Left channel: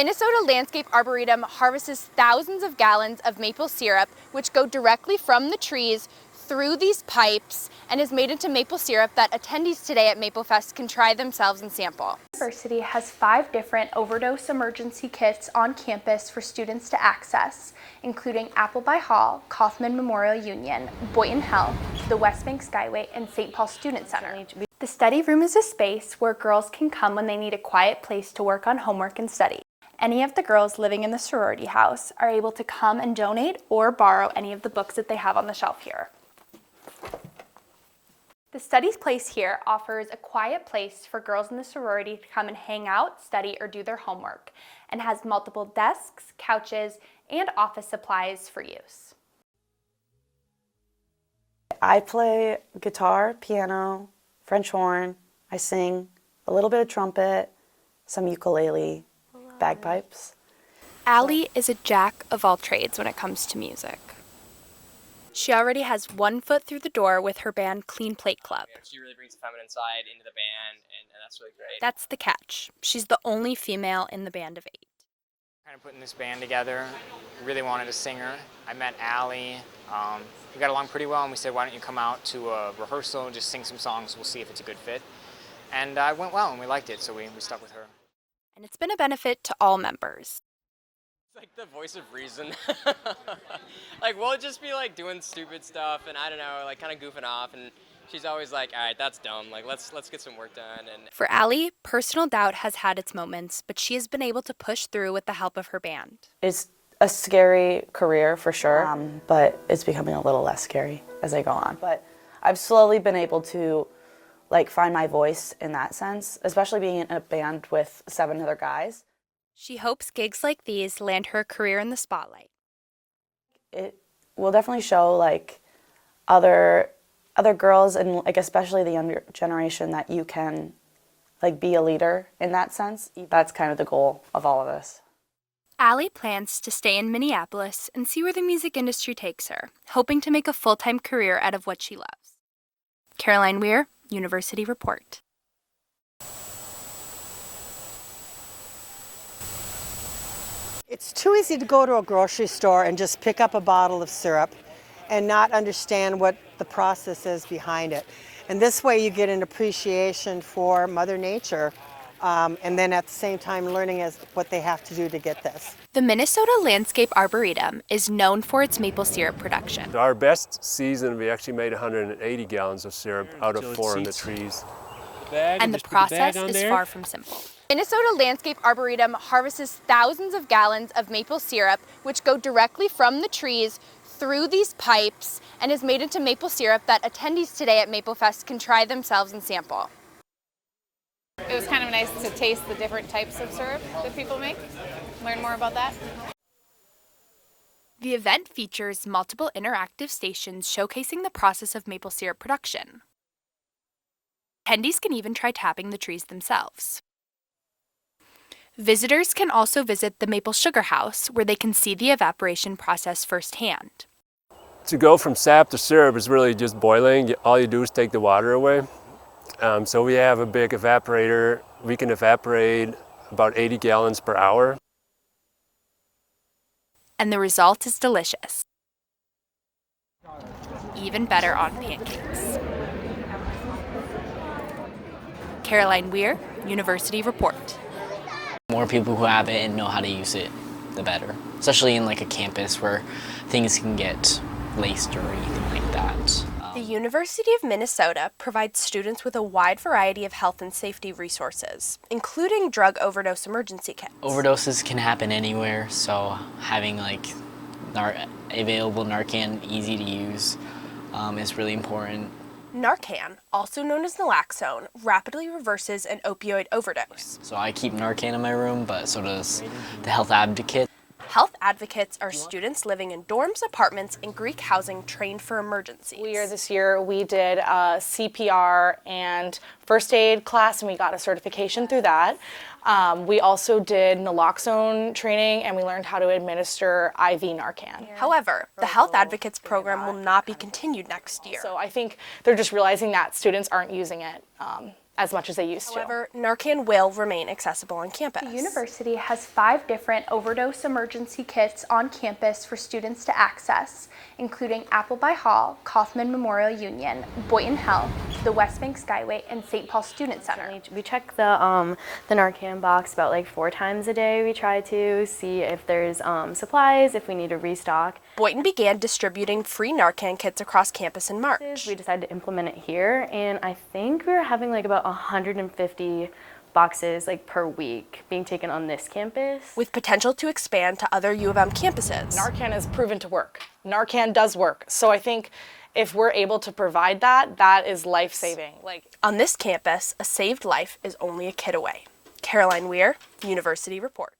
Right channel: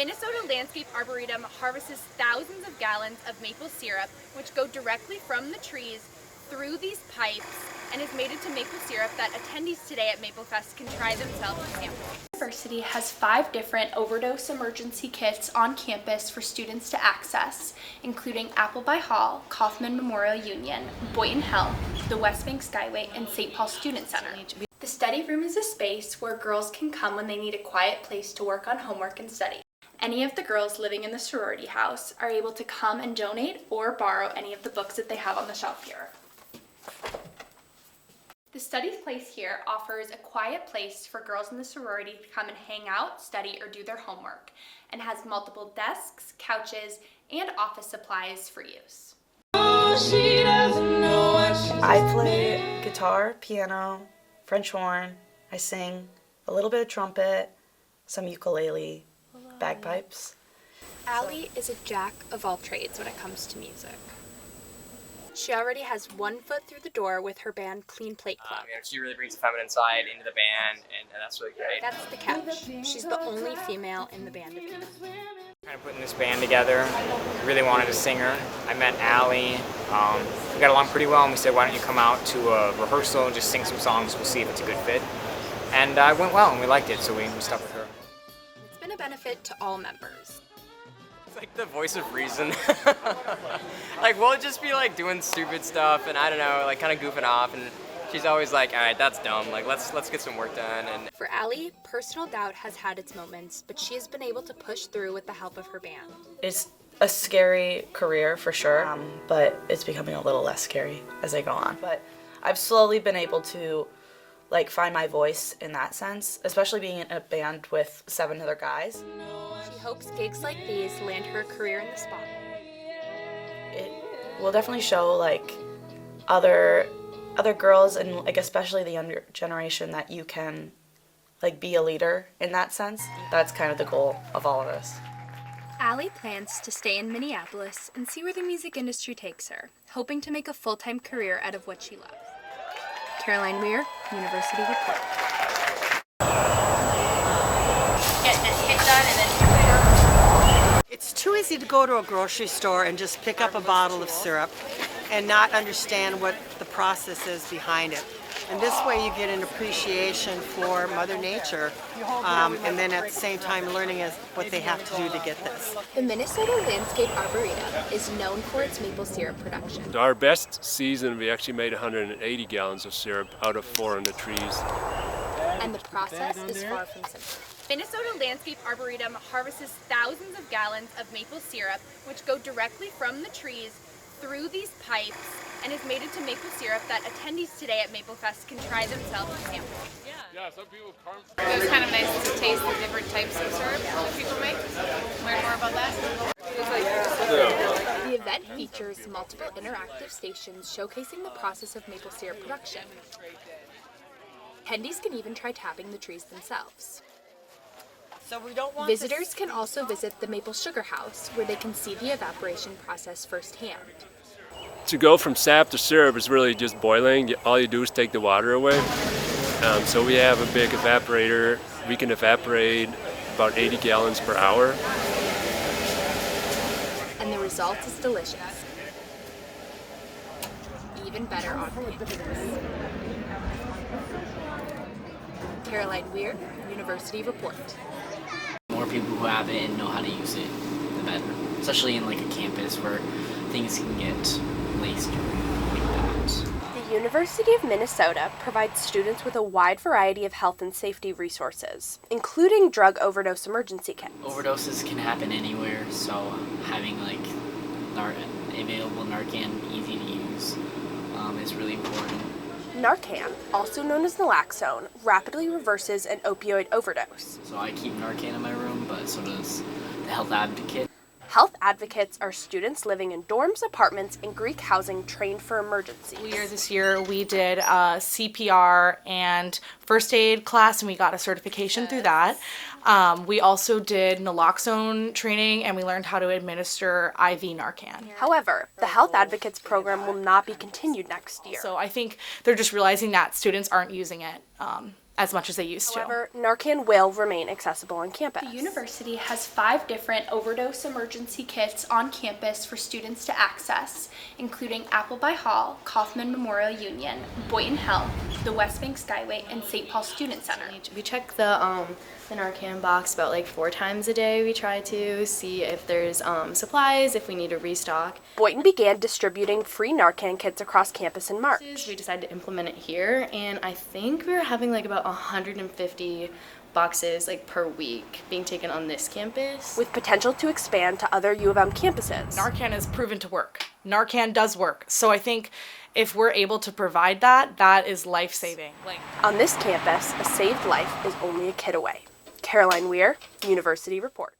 Minnesota Landscape Arboretum harvests thousands of gallons of maple syrup, which go directly from the trees through these pipes and is made into maple syrup that attendees today at Maple Fest can try themselves and sample. The university has 5 different overdose emergency kits on campus for students to access, including Appleby Hall, Kaufman Memorial Union, Boynton Health, the West Bank Skyway, and St. Paul Student Center. The study room is a space where girls can come when they need a quiet place to work on homework and study. Any of the girls living in the sorority house are able to come and donate or borrow any of the books that they have on the shelf here. The study place here offers a quiet place for girls in the sorority to come and hang out, study, or do their homework, and has multiple desks, couches, and office supplies for use. I play guitar, piano, French horn, I sing, a little bit of trumpet, some ukulele, bagpipes. Allie is a jack of all trades when it comes to music. She already has 1 foot through the door with her band Clean Plate Club. She really brings the feminine side into the band, and that's really great. That's the catch. She's the only female in the band of 8. Kind of putting this band together, really wanted a singer. I met Allie. We got along pretty well, and we said, why don't you come out to a rehearsal and just sing some songs, we'll see if it's a good fit. And it went well, and we liked it, so we stuck with her. And it's been a benefit to all members. It's like the voice of reason. Like, we'll just be like doing stupid stuff, and I don't know, like kind of goofing off, and she's always like, all right, that's dumb, like let's get some work done. And for Allie, personal doubt has had its moments, but she has been able to push through with the help of her band. It's a scary career for sure, but it's becoming a little less scary as I go on. But I've slowly been able to find my voice in that sense, especially being in a band with 7 other guys. She hopes gigs like these land her a career in the spotlight. It will definitely show other girls and especially the younger generation that you can be a leader in that sense. That's kind of the goal of all of this. Allie plans to stay in Minneapolis and see where the music industry takes her, hoping to make a full-time career out of what she loves. Caroline Weier, University Report. It's too easy to go to a grocery store and just pick up a bottle of syrup and not understand what the process is behind it. And this way you get an appreciation for Mother Nature, and then at the same time learning what they have to do to get this. The Minnesota Landscape Arboretum is known for its maple syrup production. Our best season, we actually made 180 gallons of syrup out of 400 trees. And the process is far from simple. Minnesota Landscape Arboretum harvests thousands of gallons of maple syrup, which go directly from the trees through these pipes and is made into maple syrup that attendees today at Maple Fest can try themselves and sample. It was kind of nice to taste the different types of syrup that people make. Learn more about that. The event features multiple interactive stations showcasing the process of maple syrup production. Attendees can even try tapping the trees themselves. Visitors can also visit the Maple Sugar House, where they can see the evaporation process firsthand. To go from sap to syrup is really just boiling. All you do is take the water away. So we have a big evaporator. We can evaporate about 80 gallons per hour. And the result is delicious. Even better on pancakes. Caroline Weier, University Report. More people who have it and know how to use it, the better. Especially in a campus where things can get laced or anything like that. The University of Minnesota provides students with a wide variety of health and safety resources, including drug overdose emergency kits. Overdoses can happen anywhere, so having available Narcan, easy to use, is really important. Narcan, also known as naloxone, rapidly reverses an opioid overdose. So I keep Narcan in my room, but so does the health advocate. Health advocates are students living in dorms, apartments, and Greek housing trained for emergencies. This year we did a CPR and first aid class, and we got a certification through that. We also did naloxone training, and we learned how to administer IV Narcan. However, the Health Advocates program will not be continued next year. So I think they're just realizing that students aren't using it as much as they used to. However, Narcan will remain accessible on campus. The university has 5 different overdose emergency kits on campus for students to access, including Appleby Hall, Kaufman Memorial Union, Boynton Health, the West Bank Skyway, and St. Paul Student Center. We check the Narcan box about like 4 times a day. We try to see if there's supplies, if we need to restock. Boynton began distributing free Narcan kits across campus in March. We decided to implement it here, and I think we were having like about 150 boxes like per week being taken on this campus, with potential to expand to other U of M campuses. Narcan has proven to work. Narcan does work. So I think if we're able to provide that, that is life-saving. On this campus, a saved life is only a kid away. Caroline Weier, University Report.